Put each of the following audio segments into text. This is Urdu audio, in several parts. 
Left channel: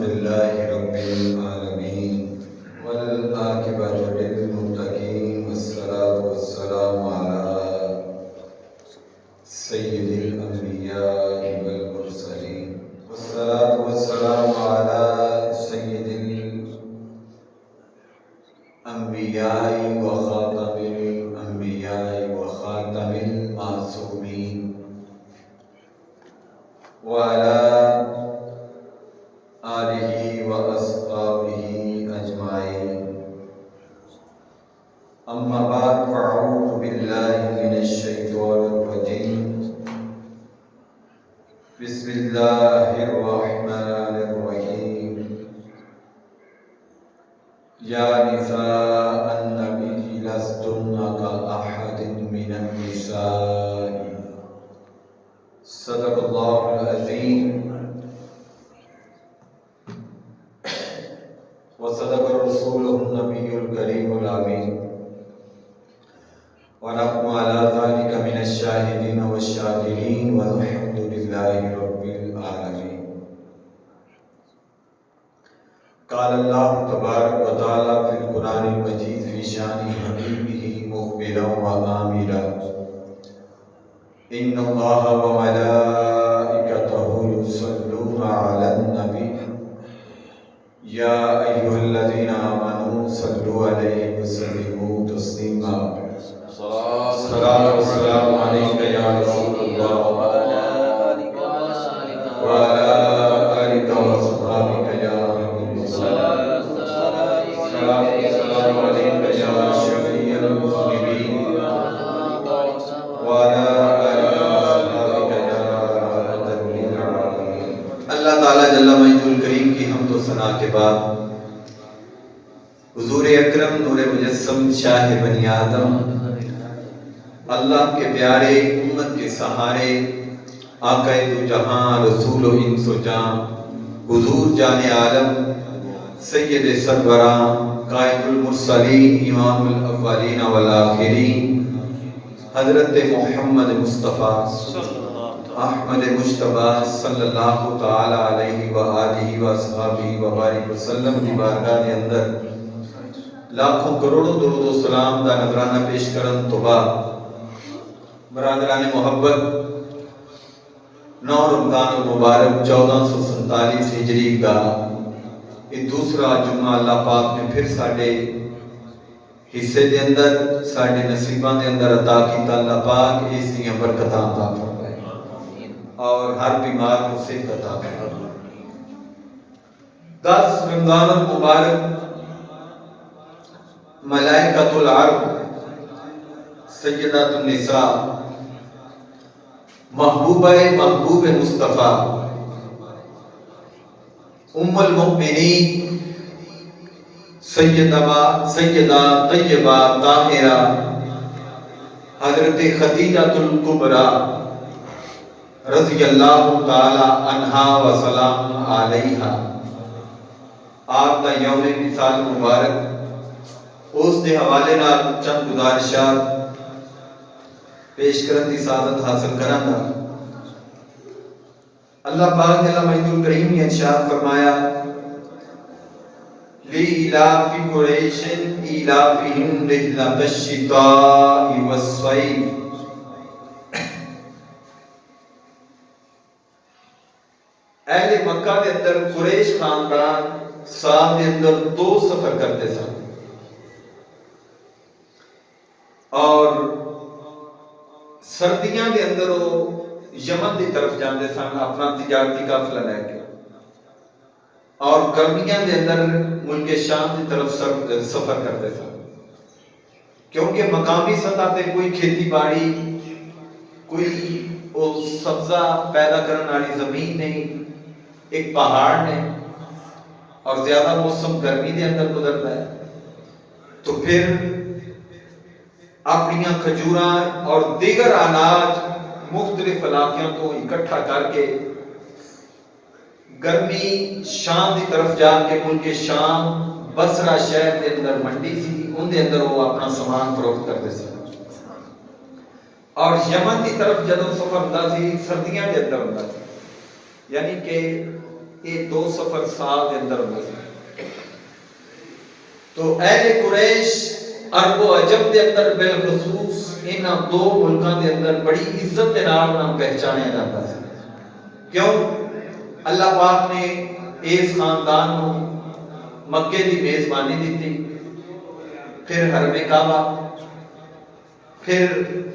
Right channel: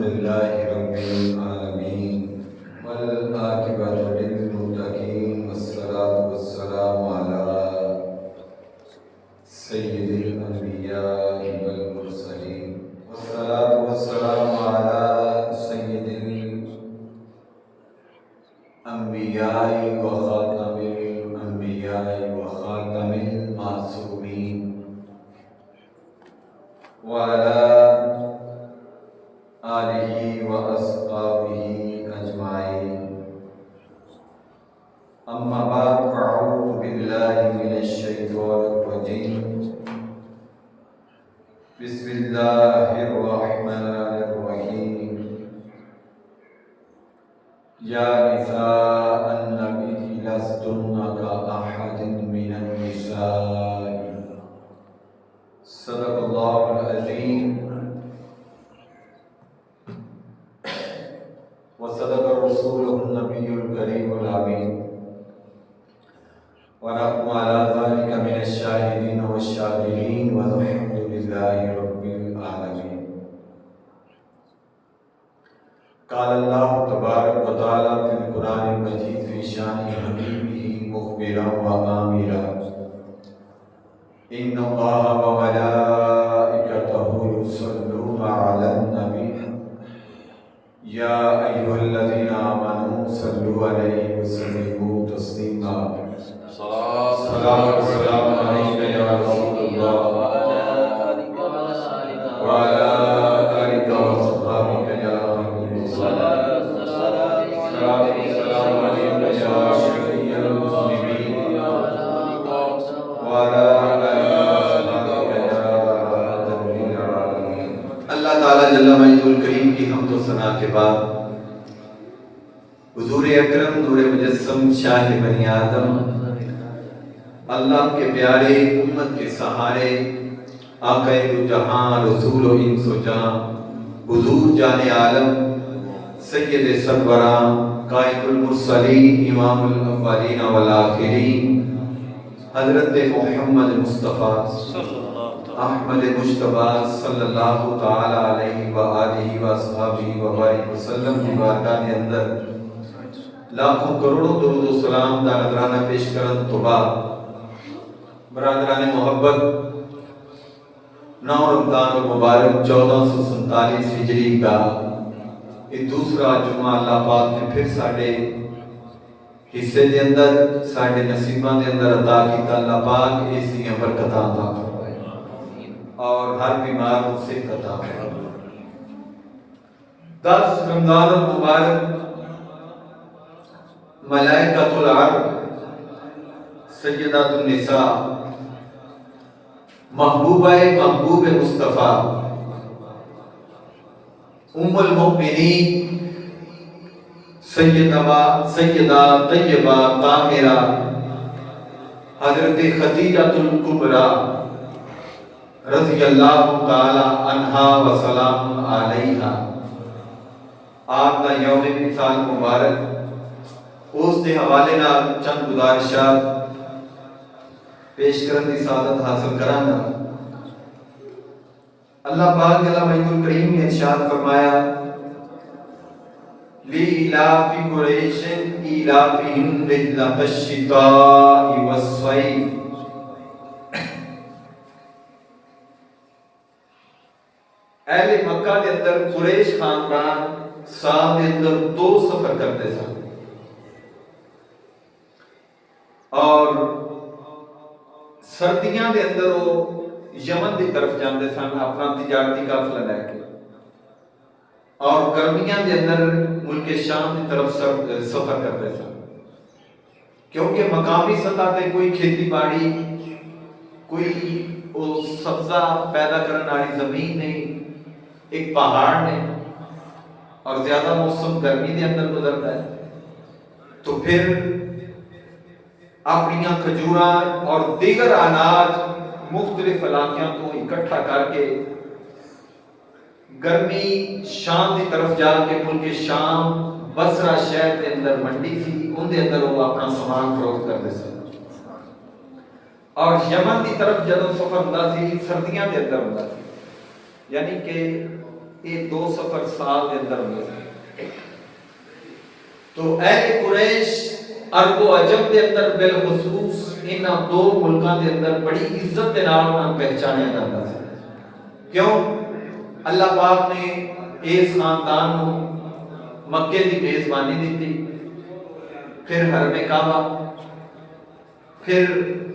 لله رب العالمين والعاقبة للمتقين والصلاة والسلام على سيد الأنبياء والمرسلين والصلاة والسلام على سيد الأنبياء وخاتم الأنبياء وخاتم المعصومين وعلى آلہ وأصحابہ أجمعین اما بعد فاعوذ باللہ من الشیطان الرجیم بسم اللہ الرحمن الرحیم یا نساء النبی لستن کأحد من النساء صدق اللہ العظیم وصدق الرسول النبی الکریم الامین ونحن على ذلك من الشاهدين والشاكرين والحمد لله رب العالمين قال الله تبارك وتعالى في القرآن المجيد في شان حبيبه مخبرا وآمرا إن الله وملائكته يصلون على النبي يا أيها الذين آمنوا صلوا عليه وسلموا تسليما صلاة والسلام عليك يا رسول الله وعلى آلك وصحبك يا حبيب الله صلاة والسلام عليك يا شفيع المذنبين وعلى آلك وصحبك يا رحمة للعالمين. اللہ تعالیٰ جل مجدہ الکریم کی حمد و ثنا کے بعد حضور اکرم نور مجسم شاہ بنی آدم اللہ کے پیارے امت کے سہارے آقا دو جہاں رسول و انس و جان حضور جان عالم سید سربراں قائد المرسلین امام الاولین والآخرین حضرت محمد مصطفیٰ احمد مجتبی صلی اللہ تعالی علیہ وآلہ وصحبہ وبارک وسلم کی بارگاہ کے اندر لاکھوں کروڑوں درود و سلام دا نظرانہ پیش کرن تو بعد برادران محبت 9 رمضان المبارک 1447 ہجری کا یہ دوسرا جمعہ اللہ پاک نے پھر ساڑھے حصے دے اندر ساڑھے نصیبان دے اندر عطا کیتا. اللہ پاک اس دیاں برکتاں عطا فرمائے اور ہر بیمار کو صحت عطا فرمائے. 10 رمضان المبارک ملائکۃ العرب سیدات النساء محبوب مصطفیٰ ام المؤمنین سیدہ طیبہ طاہرہ حضرت خدیجہ الکبریٰ رضی اللہ تعالی عنہا و سلام علیہا آپ کا یوم مثال مبارک اس دے حوالے نال چند گزارشات پیش کرن دی سعادت حاصل کرانگا. اللہ پاک جل مجدہ الکریم نے ارشاد فرمایا لِإِلَافِ قُرَيْشٍ إِلَافِهِمْ رِحْلَةَ الشِّتَاءِ وَالصَّيْفِ. اہل مکہ کے اندر قریش خاندان سال کے اندر 2 سفر کرتے سن اور سردیاں دے اندر وہ یمن دی طرف جاندے سن اپنا تجارتی قافلہ لے کے اور گرمیاں دے اندر ملک شام دی طرف سفر کرتے سن کیونکہ مقامی سطح تے کوئی کھیتی باڑی کوئی سبزہ پیدا کرنے والی زمین نہیں، ایک پہاڑ نے اور زیادہ موسم گرمی دے اندر گزرتا ہے. تو پھر اپنی کھجوراں اور دیگر اناج مختلف علاقوں کو اکٹھا کر کے گرمی شام کی طرف جا کے ملک شام بصرہ شہر کے اندر منڈی سی ان دے اندر وہ اپنا سامان فروخت کرتے سن. اور یمن کی طرف جدوں سفر ہوندا سی سردیاں دے اندر ہوندا سی، یعنی کہ یہ 2 سفر سال کے اندر ہوئے. تو اہل قریش عرب و عجم دے اندر بالخصوص انہاں 2 ملکاں دے اندر بڑی عزت دے نال انہاں پہچانیا جاتا سی. کیوں؟ اللہ پاک نے اس خاندان کو مکے دی میزبانی دیتی، پھر حرم کعبہ، پھر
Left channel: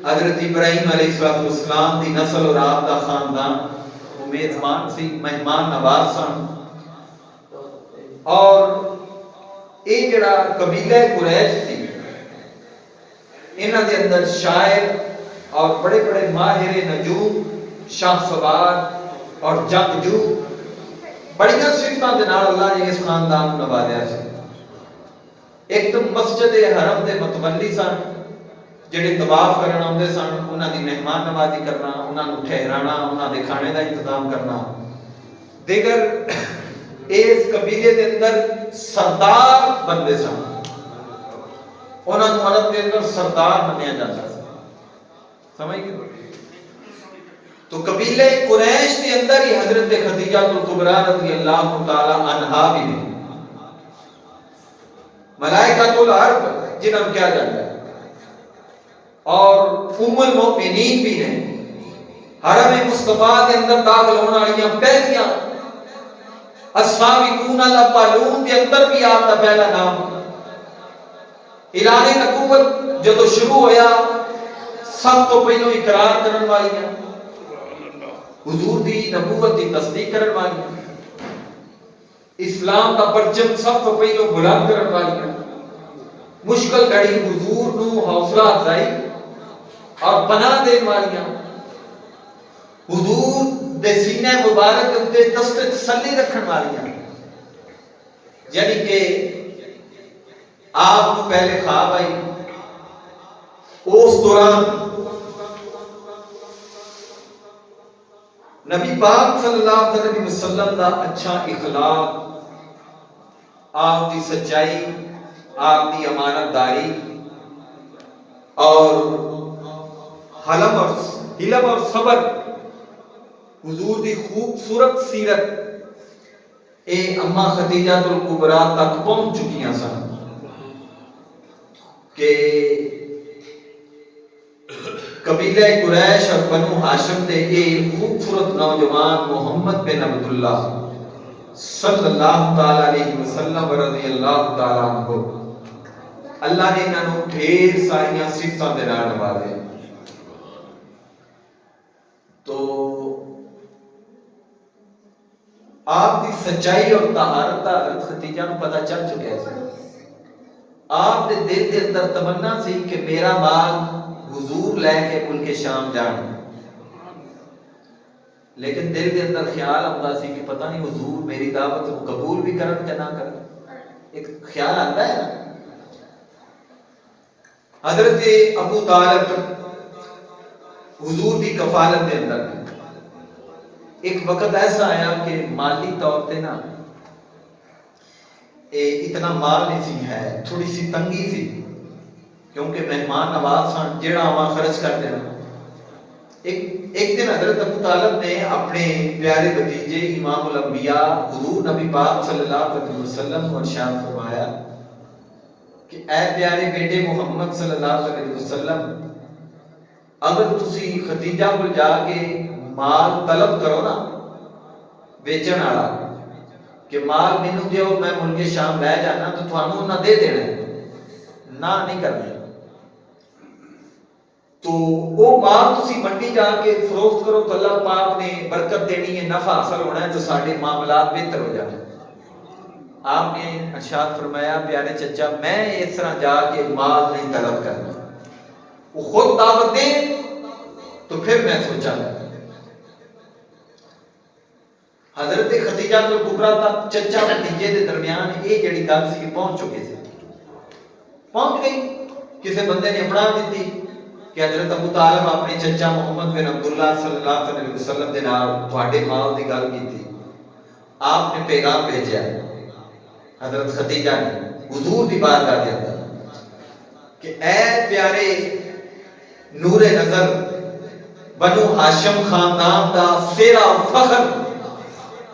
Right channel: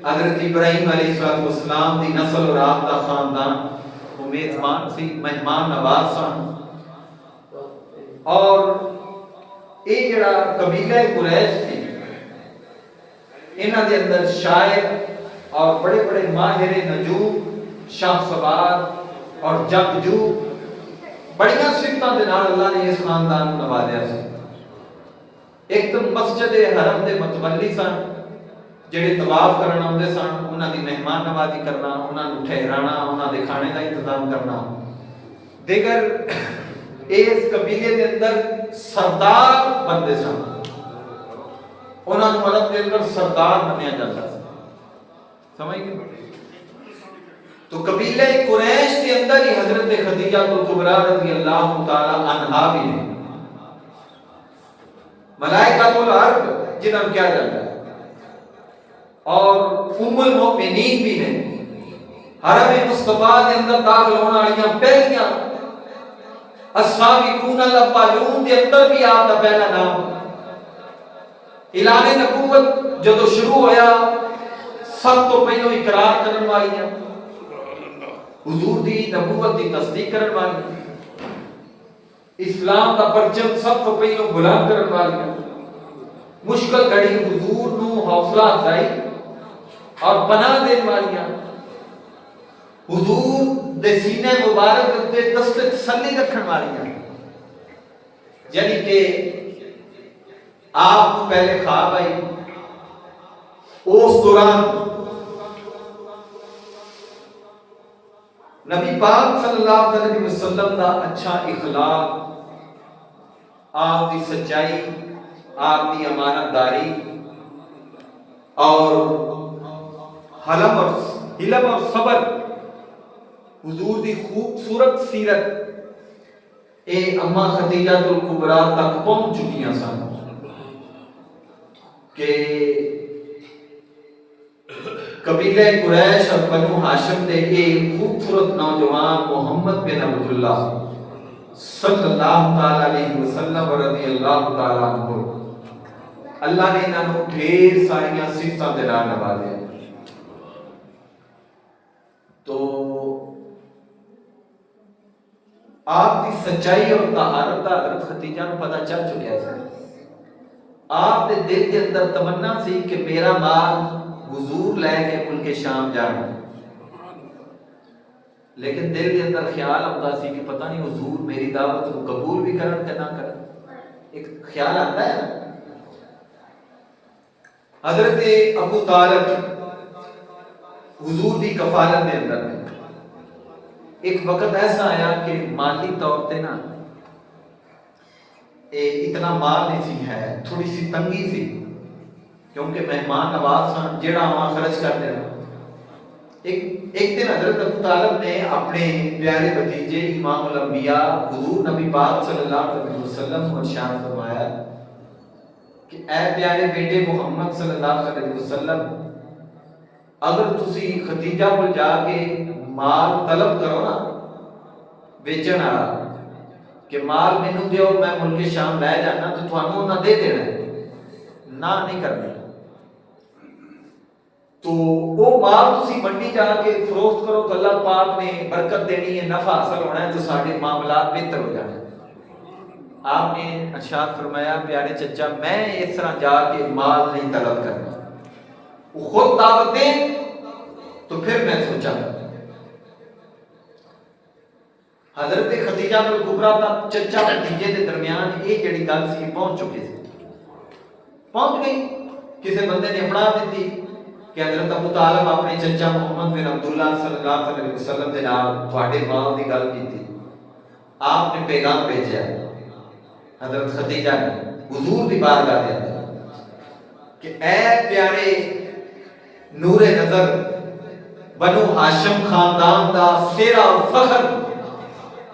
حضرت ابراہیم علیہ السلام دی نسل اور آپ دا خاندان وہ میزبان سی، مہمان نواز سن. اور یہ جڑا قبیلہ قریش سی، انہاں دے اندر شاعر اور بڑے بڑے ماہر نجوم، شاہ سوار اور جنگجو بڑیاں صفتاں دے نال اللہ نے اس خاندان کو نوازیا سی. ایک تو مسجد حرم دے متولی سن، جڑے طواف کرنا آتے سن، انہاں دی مہمان نوازی کرنا، انہاں نو ٹھہرانا، انہاں دے کھانے دا انتظام کرنا. دیگر اس قبیلے دے اندر سردار بندے سن، انہاں نو عرب دے اندر سردار منیا جاتا سی. سمجھ گئے؟ تو قبیلہ قریش کے اندر ہی حضرت خدیجہ الکبریٰ رضی اللہ تعالی عنہا بھی نے، ملائکۃ الارض جنہاں کو کیا جاتا ہے، اور ام المؤمنین بھی نے. حرم مصطفیٰ کے اندر داخل ہونے والیاں پہلیاں السابقون الاولون کے اندر بھی آپ کا پہلا نام. اعلان نبوت جدو شروع ہویا، سب تو پہلو اقرار کرن والیاں، حضور دی نبوت دی تصدیق کرن والیاں، اسلام کا پرچم سب تو پہلو بلند کرن والیاں، مشکل گھڑی حضور نو حوصلہ افزائی اور پناہ دین والیاں، حضور دے سینے مبارک تے دست تسلی رکھن والیاں. یعنی کہ آپ کو پہلے خواب آئی، اس دوران نبی پاک صلی اللہ علیہ وسلم دا اچھا اخلاق، آپ کی سچائی، آپ کی امانت داری اور حلم اور صبر، حضور دی خوبصورت سیرت اے اماں خدیجہ الکبریٰ تک پہنچ چکیاں سن کہ قبیلہ قریش اور بنو ہاشم دے ایک خوبصورت نوجوان محمد بن عبداللہ صلی اللہ تعالی علیہ وسلم رضی اللہ تعالی عنہ، اللہ نے انہاں نوں ڈھیر ساریاں صفتاں دے نال نوازیا. تو آپ کی سچائی اور طہارت دا حضرت خدیجہ نوں پتہ چل چکیا سی. آپ دے دل دے اندر تمنا سی کہ میرا مال حضور لے کے ملک شام جان، لیکن دل دے اندر خیال آتا سی کہ پتہ نہیں حضور میری دعوت کو قبول بھی کرن کہ نہ کرن. ایک خیال آتا ہے نا. حضرت ابو طالب حضور دی کفالت دے اندر ایک وقت ایسا آیا کہ مالی طور تے نا اتنا مال نہیں سی ہے، تھوڑی سی تنگی سی، کیونکہ مہمان نواز سن، جیڑا وہاں خرچ کر دینا. ایک دن حضرت ابو طالب نے اپنے پیارے بھتیجے امام الانبیاء حضور نبی پاک صلی اللہ علیہ وسلم کو ارشاد فرمایا کہ اے پیارے بیٹے محمد صلی اللہ علیہ وسلم، اگر تسی خدیجہ کو جا کے مال طلب کرو نا، بیچن والا کہ مال مینوں دیو میں ملک شام لے جانا، تو تھانوں نہ دے دینا ہے، نہ نہیں کرنی. تو وہ مال تسی منڈی جا کے فروخت کرو تو اللہ پاک نے برکت دینی ہے، نفع حاصل ہونا ہے، تو سارے معاملات بہتر ہو جانے. آپ نے ارشاد فرمایا پیارے چچا میں اس طرح جا کے مال نہیں طلب کرنا، وہ خود دعوت دیں تو پھر میں سوچا گا. حضرت خدیجہ الکبریٰ تک چچا بھتیجے دے درمیان یہ جڑی گل سی پہنچ چکی سی، پہنچ گئی. کسی بندے نے اپنا دیتی کہ حضرت ابو طالب اپنے چچا محمد بن عبداللہ صلی اللہ علیہ وسلم دے نال تواڈے مال دی گل کیتی. آپ نے پیغام بھیجا حضرت خدیجہ نے حضور دی بارگاہ دے اندر کہ اے پیارے نور نظر بنو ہاشم خاندان دا سیرا فخر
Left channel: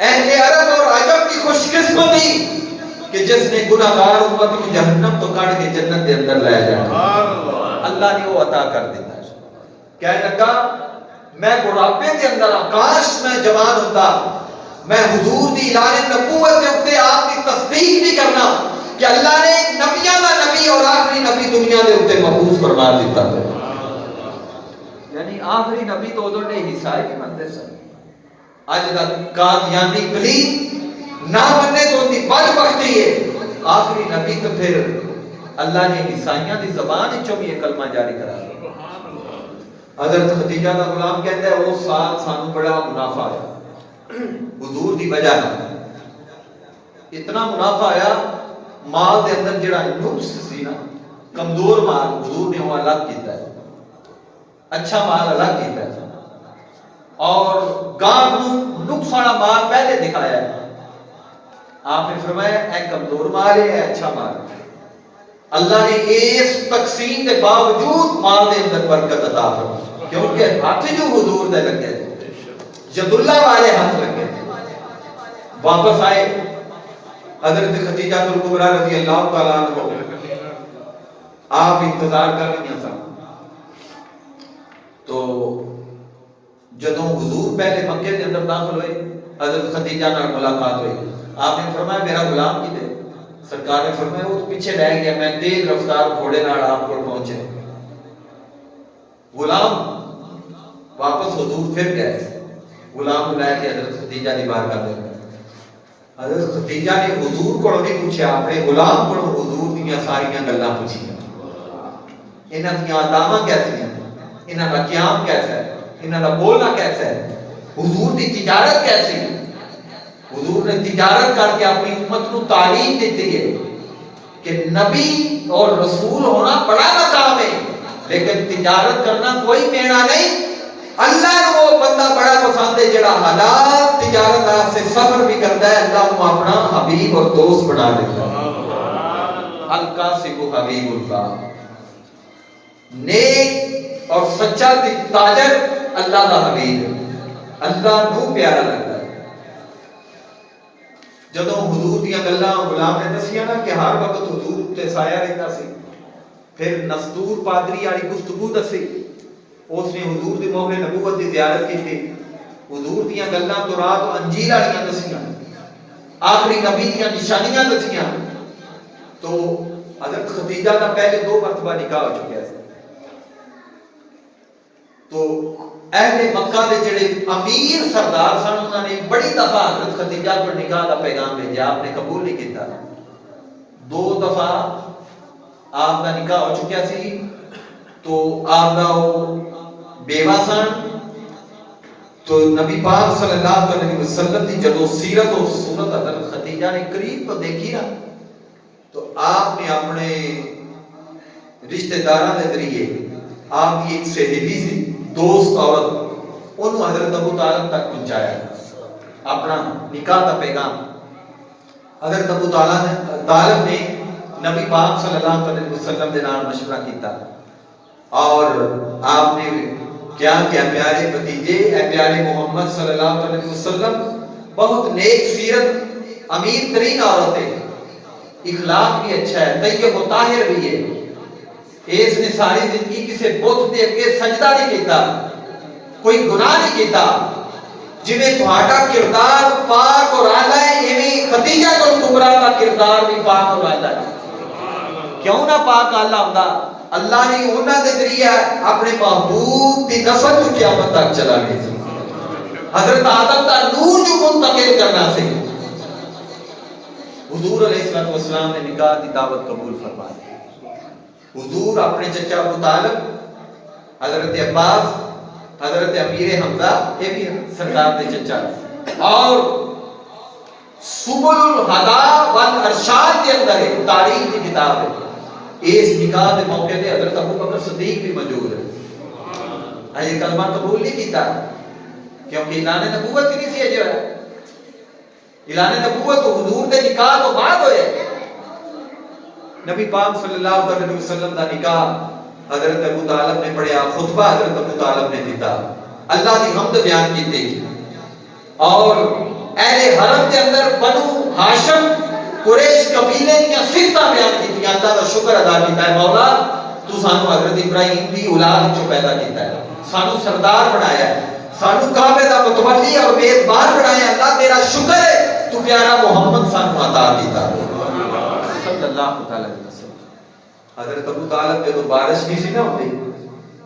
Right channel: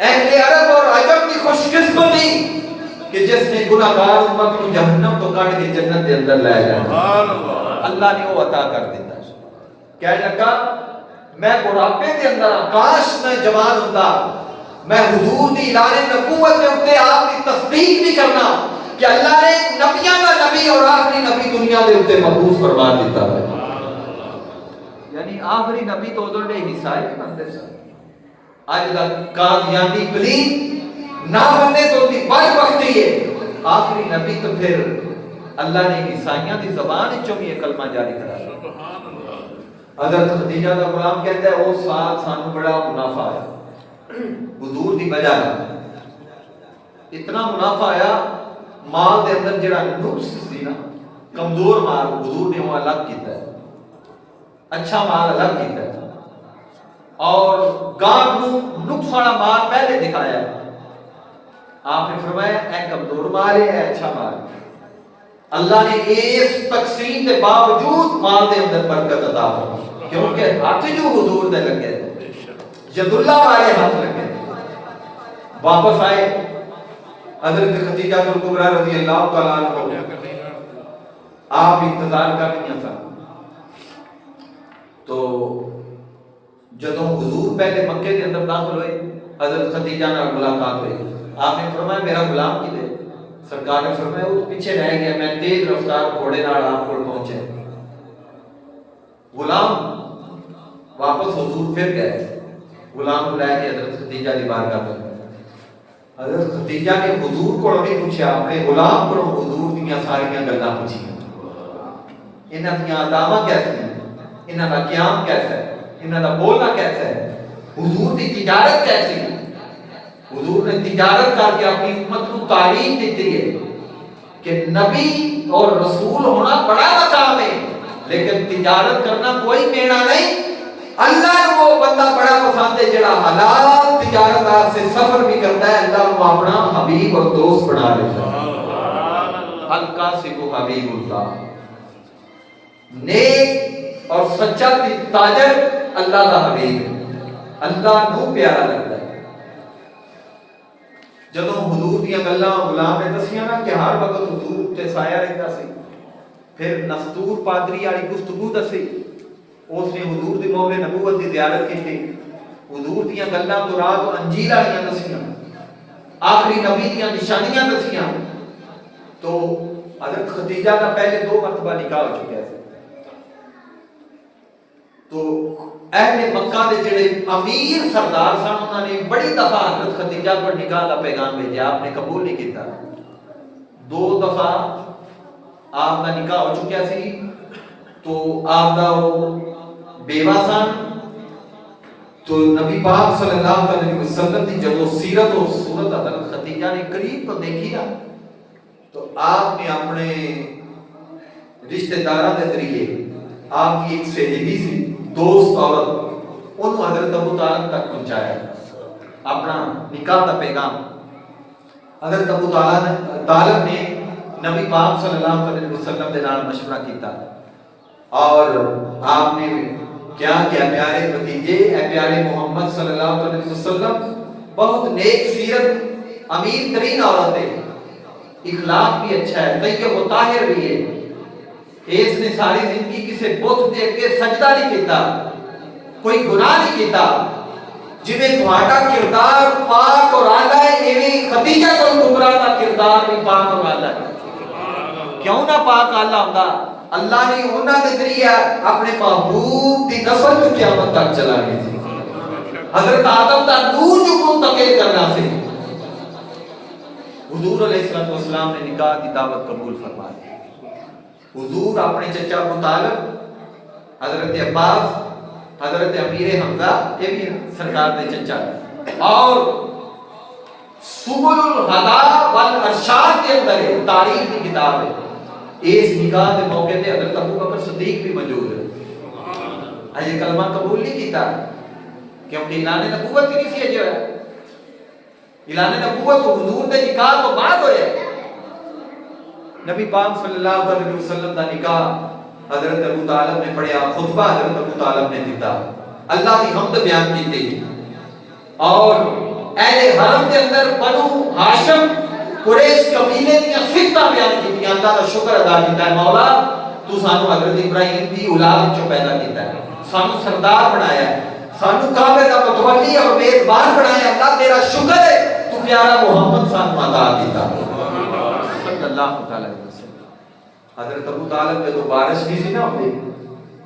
اہل عرب اور عجم کی خوش قسمتی کہ جس نے گناہگار امت کو جہنم تو کاٹ کے جنت کے اندر لے جانا، اللہ نے وہ عطا کر دیتا ہے۔ کہنے لگا میں بڑھاپے کے اندر کاش میں جوان ہوتا، میں حضور دی اعلان نبوت کے اوپر آپ کی تصدیق بھی کرنا کہ اللہ نے نبیاں کا نبی اور آخری نبی دنیا کے اوپر مبعوث فرما دیتا ہے۔ یعنی آخری نبی تو ادھر دے حصہ ہی نہیں بنتے سن۔ اج تک قادیانی پلیت نہ بننے تو دی بدبختی ہے، آخری نبی تو پھر اللہ نے عیسائیاں دی زبان وچوں بھی یہ کلمہ جاری کرا دیا۔ حضرت خدیجہ کا غلام کہتا ہے وہ سال سانو بڑا منافع آیا حضور دی وجہ اتنا منافع آیا، مال دے اندر جڑا نقص سی نا، کمزور مال حضور نے وہ الگ کیتا ہے، اچھا مال الگ کیتا ہے، اور گاہک نو نقص والا مال پہلے دکھایا ہے۔ آپ نے فرمایا اے کمزور مال ہے، اے اچھا مال ہے۔ اللہ نے اس تقسیم کے باوجود مال دے اندر برکت عطا فرمائی، کیونکہ ہاتھ جو حضور دے لگے ید اللہ والے ہاتھ لگے۔ واپس آئے حضرت خدیجہ الکبریٰ رضی اللہ تعالیٰ عنہ، آپ انتظار کر رہی ہیں۔ تو جدوں حضور پہلے مکے کے اندر داخل ہوئے، حضرت خدیجہ نال ملاقات ہوئی، آپ نے فرمایا میرا غلام کدھر؟ سرکار نے فرمایا وہ پیچھے رہ گیا، میں تیز رفتار گھوڑے نال آپ کو پہنچے۔ غلام واپس حضور پھر گئے، غلام کو لے کے حضرت خدیجہ دی بارگاہ میں۔ حضرت خدیجہ نے حضور کو نہیں پوچھا، اپنے غلام کو حضور دیاں ساریاں گلاں پوچھی، انہاں دیاں اداماں کیسی ہیں، انہاں دا قیام کیسا ہے، انہاں دا بولنا کیسا ہے، حضور دی تجارت کیسی ہے۔ حضور نے تجارت کر کے اپنی امت کو تعلیم دیتی ہے کہ نبی اور رسول ہونا بڑا مقام ہے، لیکن تجارت کرنا کوئی میڑا نہیں۔ اللہ نے وہ بندہ بڑا پسند ہے جڑا حلال تجارت سے سفر بھی کرتا ہے، اللہ کو اپنا حبیب اور دوست بنا لیتا ہے۔ القاسب حبیب اللہ، نیک اور سچا تاجر اللہ کا حبیب ہے، اللہ کو پیارا لگتا ہے۔ جدوں حضور دیا گلاں غلام نے دسیاں نا کہ ہر وقت حضور تے سایہ رہتا سی، پھر نستور پادری والی گفتگو دسی، اس نے حضور دی موقع نبوت دی زیارت کی تھی، حضور دیا گلاں تورات و انجیل والیاں دسیاں، آخری نبی دیا نشانیاں دسیاں۔ تو حضرت خدیجہ کا پہلے 2 مرتبہ نکاح ہو چکا ہے۔ تو اہل مکہ دے جڑے امیر سردار سن، انہوں نے بڑی دفعہ حضرت خدیجہ کو نکاح کا پیغام بھیجا، آپ نے قبول نہیں کیتا۔ 2 دفعہ آپ کا نکاح ہو چکا سی، تو آپ کا بیوہ سن۔ تو نبی پاک صلی اللہ علیہ وسلم کی جب سیرت اور صورت حضرت خدیجہ نے قریب تو دیکھی نا، تو آپ نے اپنے رشتہ داراں کے ذریعے آپ کی ایک سہیلی سی، دوست عورت، انہوں حضرت ابو طالب تک پہنچایا اپنا نکاح کا پیغام۔ حضرت ابو طالب نے نبی پاک صلی اللہ علیہ وسلم کے نال مشورہ کیتا، اور آپ نے کیا پیارے بھتیجے، اے پیارے محمد صلی اللہ علیہ وسلم بہت نیک سیرت، امیر ترین عورت ہے، اخلاق بھی اچھا ہے، طیب و طاہر بھی ہے، اس نے ساری زندگی کسی بت دے کے سجدہ نہیں کیتا، کوئی گناہ نہیں کیتا، جنہیں تھوڑا کردار پاک اور اعلیٰ ہے، ایویں خدیجہ الکبریٰ کا کردار بھی پاک اور اعلیٰ ہے۔ کیوں نہ پاک اعلیٰ ہوندا؟ اللہ نے انہاں دے ذریعے اپنے محبوب دی نسل کو قیامت تک چلا گئی سی، حضرت آدم دا نور جو منتقل کرنا سی۔ حضور علیہ السلام نے نکاح کی دعوت قبول فرما دی۔ حضور اپنے چچا ابو طالب، حضرت عباس، حضرت امیر حمزہ، یہ بھی سرکار دے چچا، اور سبل الہدا والارشاد کے اندر ہے، تاریخ کی کتاب ہے، اس نکاح کے موقع تے حضرت ابو بکر صدیق بھی موجود ہے۔ اجے کلمہ قبول نہیں کیتا کیونکہ اعلان نبوت ہی نہیں سی اجے ہوا، اعلان نبوت تو حضور دے نکاح تو بعد ہوئے۔ نبی پاک صلی اللہ علیہ وسلم کا نکاح حضرت ابو طالب نے پڑھیا، خطبہ حضرت ابو طالب نے دیتا، اللہ کی حمد بیان کی تھی، اور اہل حرم کے اندر بنو ہاشم قریش قبیلے دیا صفتاں بیان کی اللہ کا شکر ادا کیتا ہے مولا تو سانو حضرت ابراہیم دی اولاد چوں پیدا کیتا ہے سانو سردار بنایا ہے سانو کعبے دا متولی اور میزبان بنایا ہے اللہ تیرا شکر ہے تو پیارا محمد سانو عطا کیتا صلی اللہ علیہ وسلم حضرت ابو طالب جدوں بارش نہیں سی نہ ہوندی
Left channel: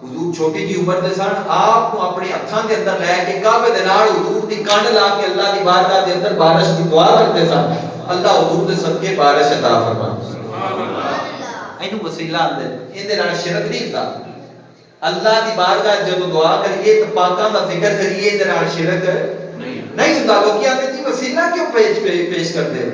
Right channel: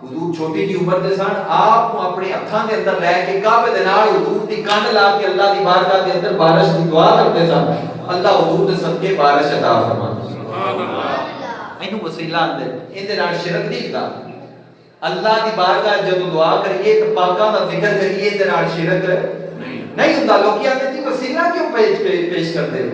حضور چھوٹی جی عمر دے سن آپ کو اپنے ہتھاں دے اندر لے کے کعبے دے نال حضور دی کنڈ لا کے اللہ دی بارگاہ دے اندر بارش دی دعا کرتے سن اللہ حضور دے صدقے بارش عطا فرمائے سبحان اللہ اینو وسیلہ اندر این دے نال شرک نہیں ہوندا اللہ دی بارگاہ جب دعا کریے تے پاکاں دا ذکر کریے تے نال شرک نہیں ہوندا لوکی آندے جی وسیلہ کیوں پیش کردے ہو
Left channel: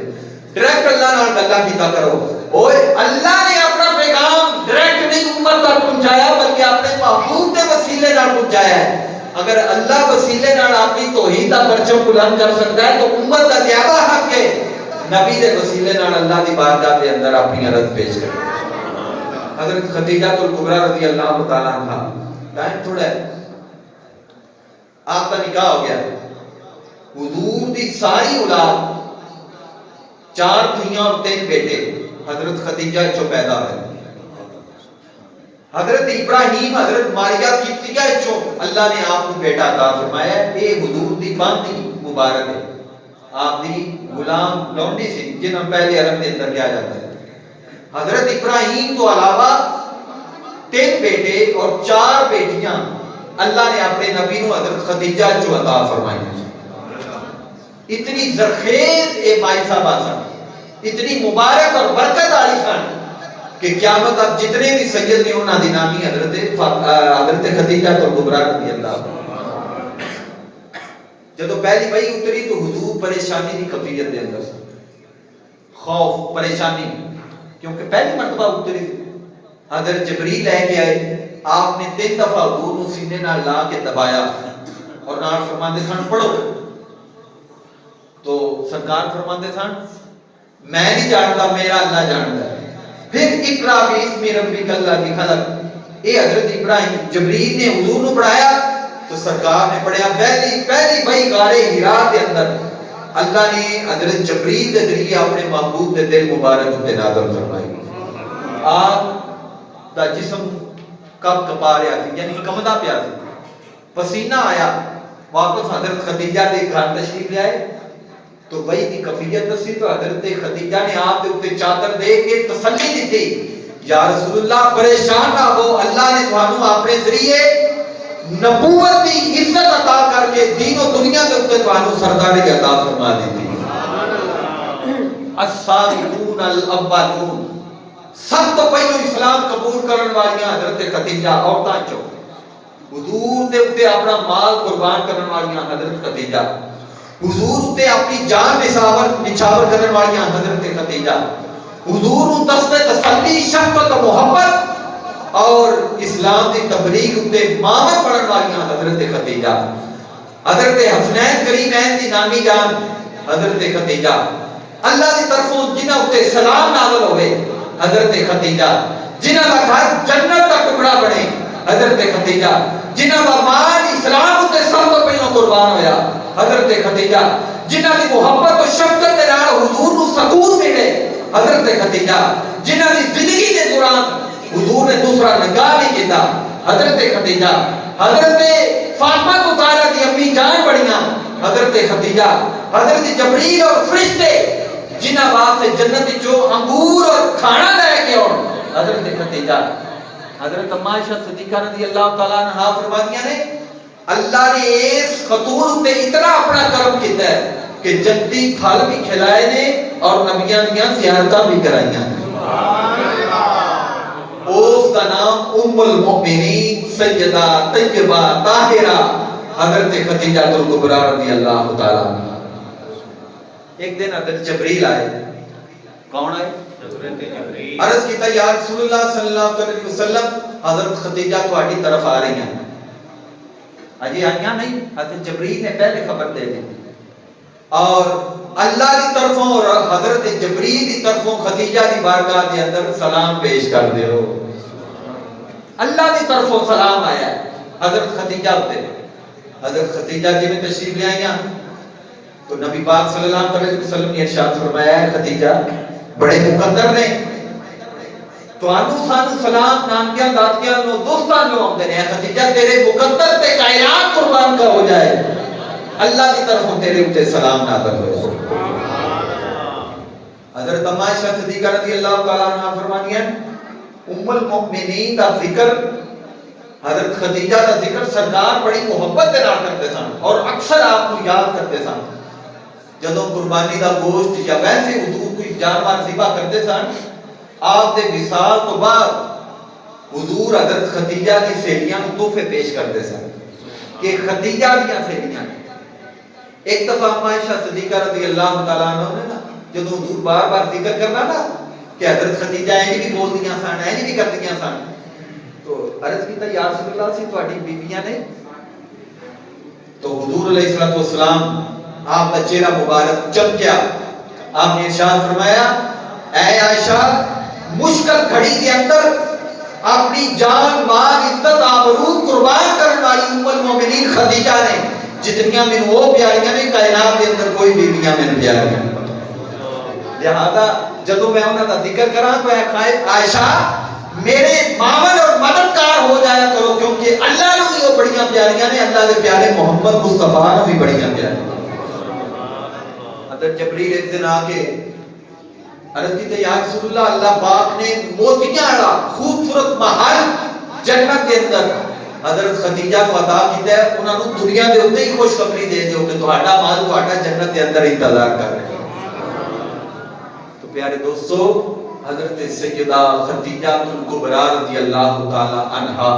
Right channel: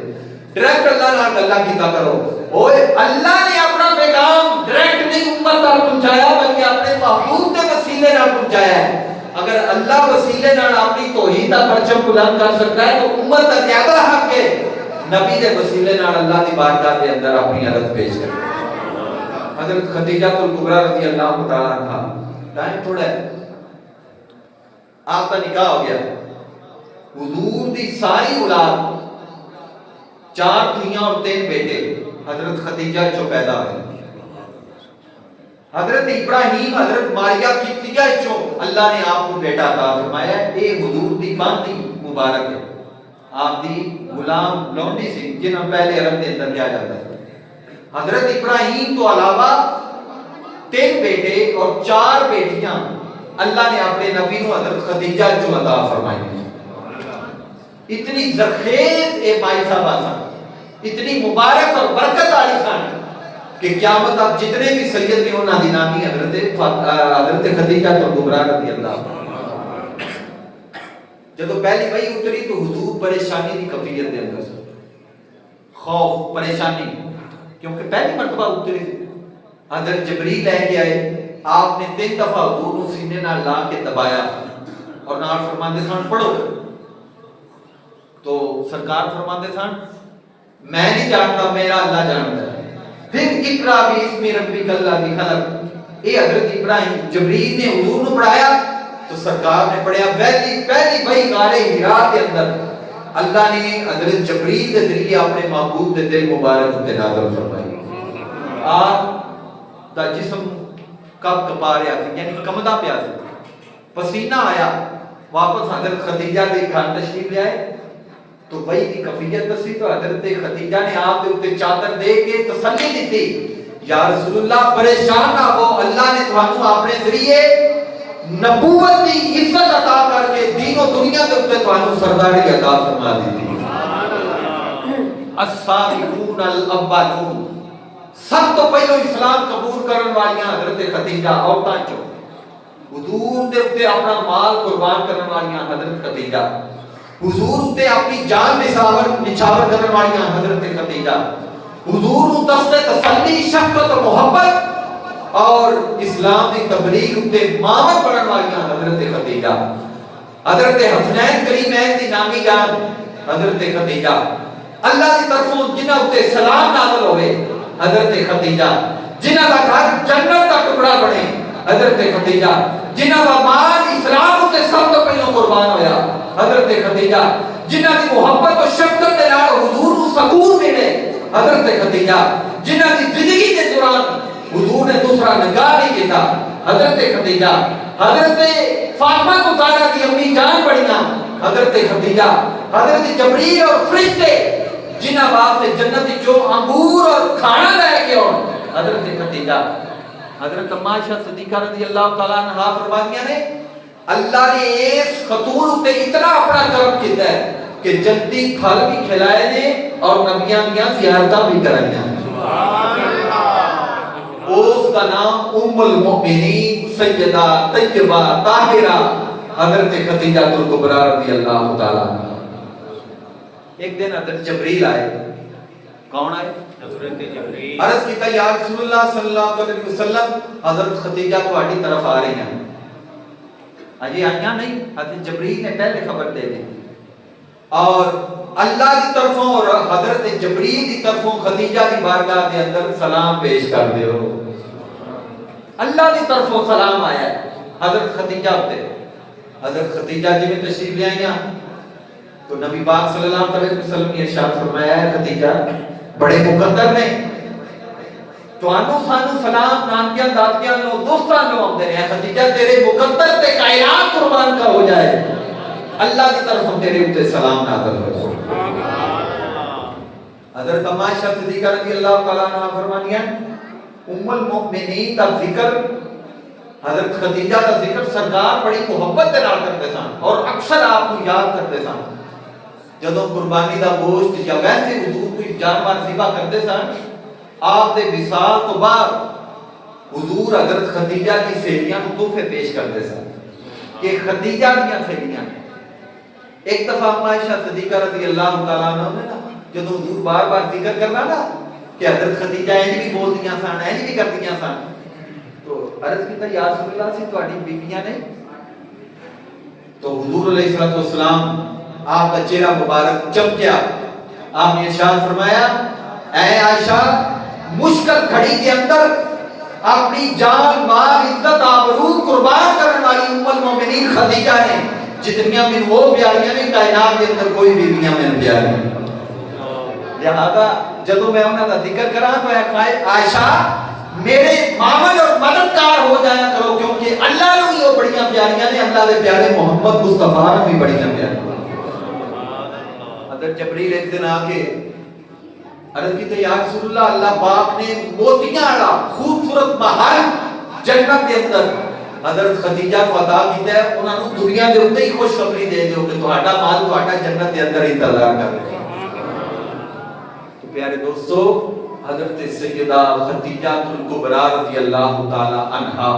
ڈائریکٹ اللہ نال گلاں کیتا کرو اوئے اللہ نے اپنا پیغام ڈائریکٹ نہیں امت تک پہنچایا بلکہ اپنے محبوب دے وسیلے نال پہنچایا ہے اگر اللہ وسیلے نال اپنی توحید دا پرچم بلند کر سکتا ہے تو امت دا زیادہ حق ہے نبی دے وسیلے نال اللہ دی بارگاہ دے اندر اپنی عرض پیش کرے حضرت خدیجہ الکبریٰ رضی اللہ تعالیٰ عنہا ٹائم تھوڑا ہے آپ کا نکاح ہو گیا حضور دی ساری اولاد 4 دھیاں اور 3 بیٹے حضرت خدیجہ چو پیدا ہوئے حضرت ابراہیم حضرت ماریہ قبطیہ چو اللہ نے آپ کو بیٹا عطا فرمایا ہے اے حضور دی باندی مبارک ہے آپ دی غلام لونڈی سی جنہاں پہلے عرب دے اندر کیا جاتا ہے حضرت ابراہیم تو علاوہ 3 بیٹے اور 4 بیٹیاں اللہ نے اپنے نبی نو حضرت خدیجہ چو عطا فرمائی اتنی زرخیز اے مائی صاحبہ سن اتنی مبارک اور برکت آئی سن کہ قیامت اب جتنے بھی سید نے انہاں دی نامی حضرت خدیجہ الکبریٰ رضی اللہ جدو پہلی بھائی اتری تو حضور پریشانی دی کفیت دے اندر سن خوف پریشانی کیونکہ پہلی مرتبہ اتری حضرت جبریل لے کے آئے آپ نے 3 دفعہ حضور کو سینے نال لا کے دبایا اور نال فرماندے سن پڑھو تو سرکار فرماندے سن میں نہیں جانتا میرا اللہ جانتا ہے پھر اقرا باسم ربک الذی خلق اے حضرت ابراہیم جبریل نے حضور کو پڑھایا تو سرکار نے پڑھیا پہلی بھائی غار حرا کے اندر اللہ نے حضرت جبریل کے ذریعے اپنے محبوب کے دل مبارک تے نازل فرمائی آپ دا جسم کب کپا رہا سی یعنی کمدا پیا سی پسینہ آیا واپس حضرت خدیجہ کے گھر تشریف لے آئے تو بھائی کی کفیت دسی تو حضرت خدیجہ نے آپ کے اوپر چادر دے کے تسلی دیتی یا رسول اللہ پریشان نہ ہو اللہ نے تھانوں اپنے ذریعے نبوت کی عزت عطا کر کے دین و دنیا کے اوپر تھانوں سرداری عطا فرما دیتی السابقون الاولون سب تو پہلو اسلام قبول کرن والیاں حضرت خدیجہ عورتاں چوں حضور دے اوپر اپنا مال قربان کرن والیاں حضرت خدیجہ حضور تے اپنی جان نچھاور کرنے والیاں حضرت خدیجہ حضور نو دست تسلی شفقت و محبت اور اسلام دی تبلیغ تے معاون پڑھن والیاں حضرت خدیجہ حضرت حسنین کریمین دی نامی جان حضرت خدیجہ اللہ دی طرفوں جنہاں تے سلام نازل ہوئے حضرت خدیجہ جنہاں دا گھر جنت دا ٹکڑا بنے حضرت خدیجہ جنہاں دا مال اسلام تے سب تو پہلو قربان ہویا حضرت خدیجہ جنہاں دی محبت و شفقت دے نال حضور نو سکون ملے حضرت خدیجہ جنہاں دی زندگی دے دوران حضور نے دوسرا نگاہ نہیں کیتا حضرت خدیجہ حضرت فاطمہ زہرا دی امی جان بڑیاں حضرت خدیجہ حضرت جبریل اور فرشتے جنہاں واسطے جنت وچوں انگور اور کھانا لے کے آن حضرت خدیجہ حضرت اما عائشہ صدیقہ رضی اللہ تعالی عنہا فرماندیاں نے اللہ نے اس خاتون تے اتنا اپنا کرم کیتا ہے کہ جنتی پھل بھی کھلائے نے اور نبیاں دیاں زیارتاں بھی کرائیاں اس کا نام ام المؤمنین سیدہ طیبہ طاہرہ حضرت خدیجہ الکبریٰ رضی اللہ تعالی عنہا ایک دن حضرت جبریل آئے کون آئے عرض کیتا یا رسول اللہ صلی اللہ علیہ وسلم حضرت خدیجہ تہاڈی طرف آ رہی ہیں اجی آئیاں نہیں حضرت جبریل نے پہلے خبر دے دی اور اللہ کی طرفوں اور حضرت جبریل کی طرفوں خدیجہ کی بارگاہ کے اندر سلام پیش کر دیو اللہ کی طرفوں سلام آیا ہے حضرت خدیجہ ہوتے حضرت خدیجہ جی میں تشریف لے آئیاں تو نبی پاک صلی اللہ علیہ وسلم نے ارشاد فرمایا ہے خدیجہ بڑے مقدر نے تو آنو سانو سلام نانکیاں دادکیاں نو دوستان نو آمدے ہیں خدیجہ تیرے مقدر پہ کائنات قربان کا ہو جائے اللہ کی طرف تیرے اوپر سلام نازل ہو جائے. حضرت عائشہ صدیقہ رضی اللہ تعالیٰ عنہ فرمانی ہے ام المؤمنین کا ذکر حضرت خدیجہ کا ذکر سرکار بڑی محبت دے نال کرتے سن اور اکثر آپ کو یاد کرتے سن. جدوں قربانی دا گوشت یا ویسے حضور کوئی جانور ذبح کرتے سن آپ دے وصال تو بعد حضور حضرت خدیجہ کی سہیلیاں کو تحفے پیش کرتے سن کہ خدیجہ دیاں سہیلیاں. ایک دفعہ عائشہ صدیقہ رضی اللہ تعالیٰ عنہ نے نا جدوں حضور بار بار ذکر کرنا نا کہ حضرت خدیجہ انج بھی بول دیاں سن انج بھی کر دیاں سن تو عرض کیتا یا رسول اللہ سی تہاڈی بیویاں نے تو حضور علیہ الصلوۃ والسلام آپ کا چہرہ مبارک چمکیا. آپ نے ارشاد فرمایا اے عائشہ مشکل گھڑی کے اندر اپنی جان مال عزت آبرو قربان کرنے والی ام المومنین خدیجہ نے جتنیاں من وہ پیاریاں نے کائنات کے اندر کوئی بیویاں من پیاری نہیں. لہذا جدو میں انہاں دا ذکر کراں تو اے عائشہ میرے معاون اور مددگار ہو جایا کرو کیونکہ اللہ نے بھی وہ بڑیاں پیاریاں نے اللہ دے پیارے محمد مصطفیٰ نے بھی بڑیاں پیاریاں. حضرت جبریل ایک دن آ کے عرض کی یا رسول اللہ اللہ پاک نے موتیاں والا خوبصورت محل جنت کے اندر حضرت خدیجہ کو عطا کیتا ہے انہاں نوں دنیا دے اوتے ہی خوشخبری دے دیو کہ تہاڈا مال تہاڈا جنت کے اندر انتظار کر رہا ہے. تو پیارے دوستو حضرت سیدہ خدیجہ الکبریٰ رضی اللہ تعالی عنہا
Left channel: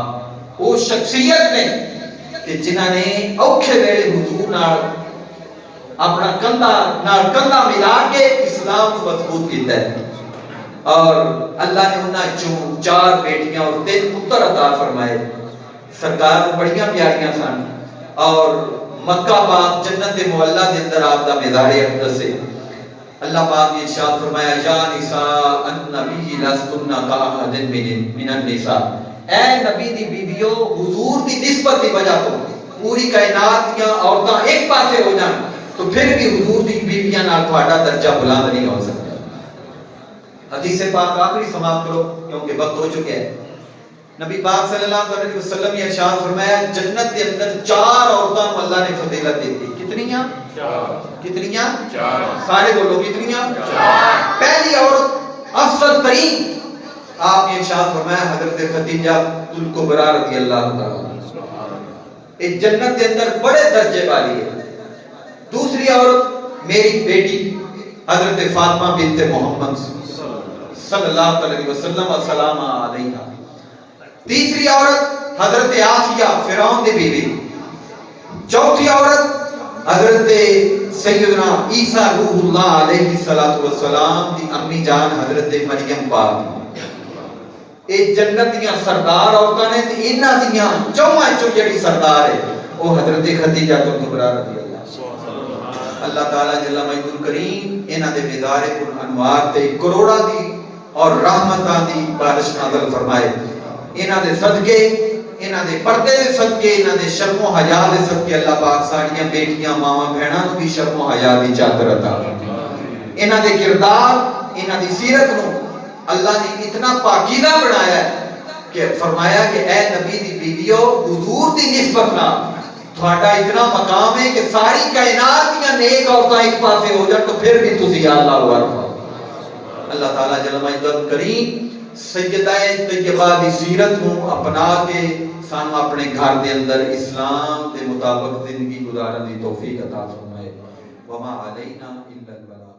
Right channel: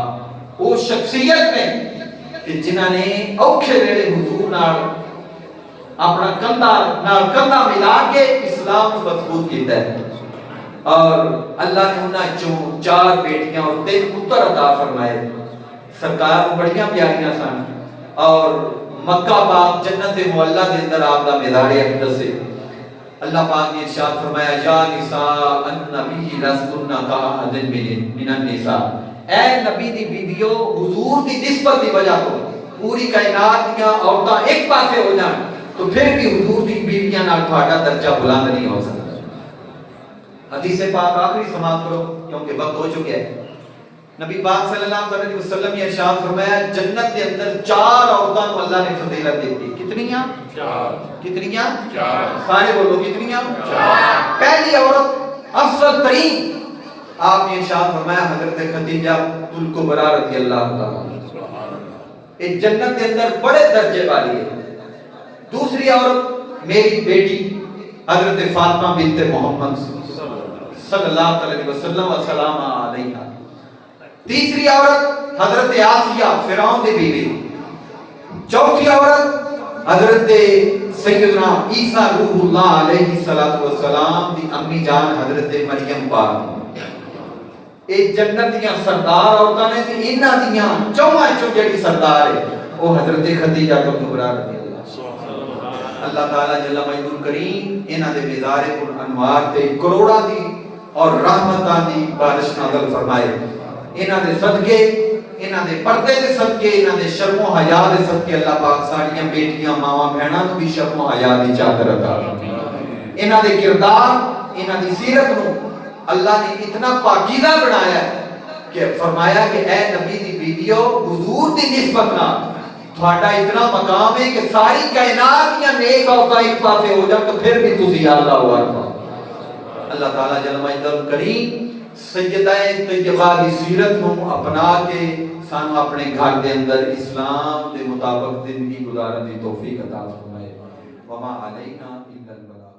وہ شخصیت نے کہ جنہاں نے اوکھے ویلے حضور نال اپنا کندھا ملا کے اسلام کو مضبوط کیتا ہے اور اللہ نے انہاں چوں 4 بیٹیاں اور 3 پتر عطا فرمائے. سرکار کو بڑیاں پیاریاں سن اور مکہ پاک جنت معلیٰ کے اندر آپ کا مزار اقدس ہے. اللہ پاک نے ارشاد فرمایا یا نساء النبی لستن کاحد من النساء اے نبی دی بیویو حضور دی نسبت کی وجہ تو پوری کائنات دیاں عورتاں ایک پاسے ہو جان تو پھر بھی حضور دی بیویاں نال تہاڈا درجہ بلند نہیں ہو سکتا. حدیث پاک آخری سماعت کرو کیونکہ وقت ہو چکا ہے. نبی پاک صلی اللہ علیہ وسلم نے ارشاد فرمایا جنت کے اندر 4 عورتوں کو اللہ نے فضیلت دی تھی. کتنیاں؟ 4. کتنیاں؟ 4. سارے بولو کتنیاں؟ 4. پہلی عورت افضل ترین آپ نے ارشاد فرمایا حضرت خدیجہ الکبریٰ رضی اللہ تعالی اس جنت کے اندر بڑے درجے والی ہے. دوسری عورت میری بیٹی حضرت فاطمہ بنت محمد صلی اللہ علیہ وسلم والسلام علیہا. تیسری عورت حضرت آسیہ فرعون دی بیوی. چوتھی عورت حضرت سیدنا عیسیٰ روح اللہ علیہ السلام دی امی جان حضرت مریم پاک. اے جنت دیاں سردار عورتاں نے تے انہاں دیاں چوہاں چوں جڑی سردار ہے وہ حضرت خدیجہ الکبریٰ رضی اللہ. اللہ تعالیٰ جل مجدہ الکریم انہاں دے مزار پر انوار تے کروڑاں دی اور رحمتاں دی بارش نازل فرمائے. انہاں دے صدقے انہاں دے پردے دے صدقے انہاں دے شرم و حیا دے صدقے اللہ پاک ساڈیاں بیٹیاں ماواں بہناں نوں بھی شرم و حیا دی چادر عطا فرمائے. انہاں دے کردار انہاں دی سیرت نوں اللہ نے اتنا پاکیزہ بنایا ہے کہ فرمایا کہ اے نبی دی بیویو حضور دی نسبت نال تہاڈا اتنا مقام ہے کہ ساری کائنات دیاں نیک عورتاں ایک پاسے ہو جان تو پھر بھی تسی اللہ اکبر. اللہ تعالیٰ جل مجدہ الکریم سیدہ طیبہ دی سیرت نو اپنا کے سانو اپنے گھر دے اندر اسلام دے مطابق زندگی گزارن دی توفیق عطا فرمائے. وما علینا الا البلاغ.